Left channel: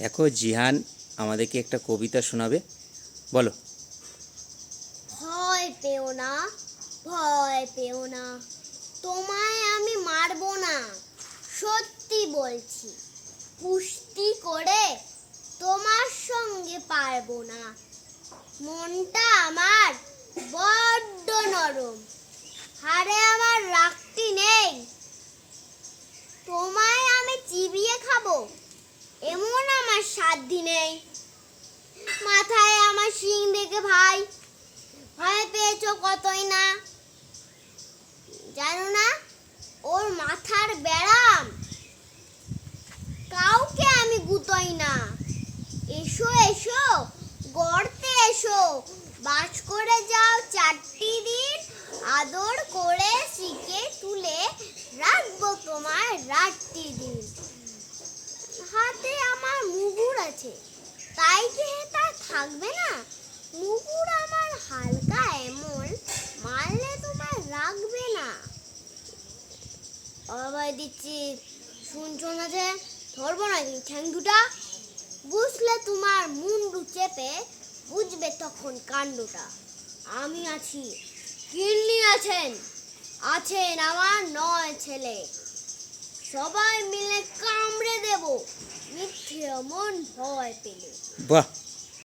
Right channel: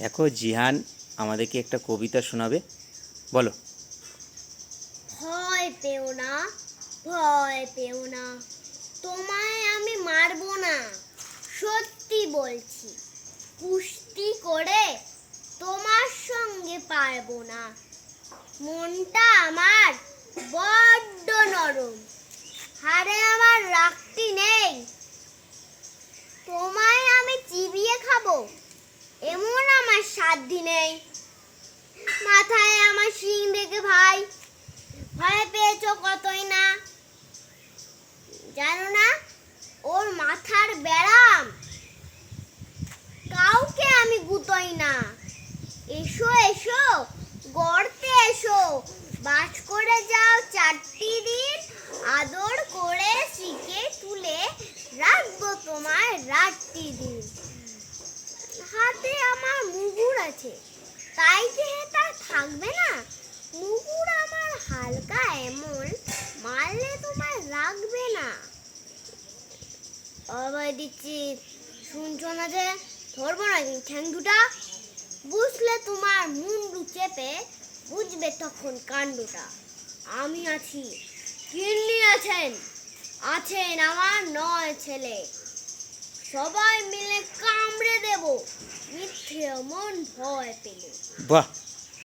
দেখো জিহান আমাদেরকে একটা কবিতা শোনাবে, বলো। ভয় পেও না, ভয় পেও না, তোমায় আমি মারবো না, সত্যি বলছি। কুস্তি করে তোমার সঙ্গে পারবো না। মনটা আমার বড্ড নরম, হাড়ে আমার রাখতি নেই। তোমায় আমি চিবিয়ে খাবো এমন আমার সাধ্যি নেই। মাথায় আমার শিং দেখে ভাই ভয় পেয়েছো কতই না। জানো না ওর মাথার ব্যারাম, কাউকে আমি গুতোই না। এসো এসো গর্তে এসো, বাস করে যাও 4টি দিন, আদর করে শিখে তুলে রাখবো তোমার রাতটি দিন। হাতে আমার মুগুর আছে, তাই কি হেতা থাকবে না? মুগুর আমার হালকা এমন, মারলে তোমার রাখবে না। অভয় দিচ্ছি, শুনছো না যে? ধরবো না ঠ্যাং দুটা, বুঝলে তোমার মুন্ডু চেপে বুঝবে তখন কাণ্ডটা। আমি আছি, কিন্নি আছেন, আছেন আমার 9 ছেলে, সবাই মিলে কামড়ে দেব মিথ্যে মন ভয় পেলে। বাহ।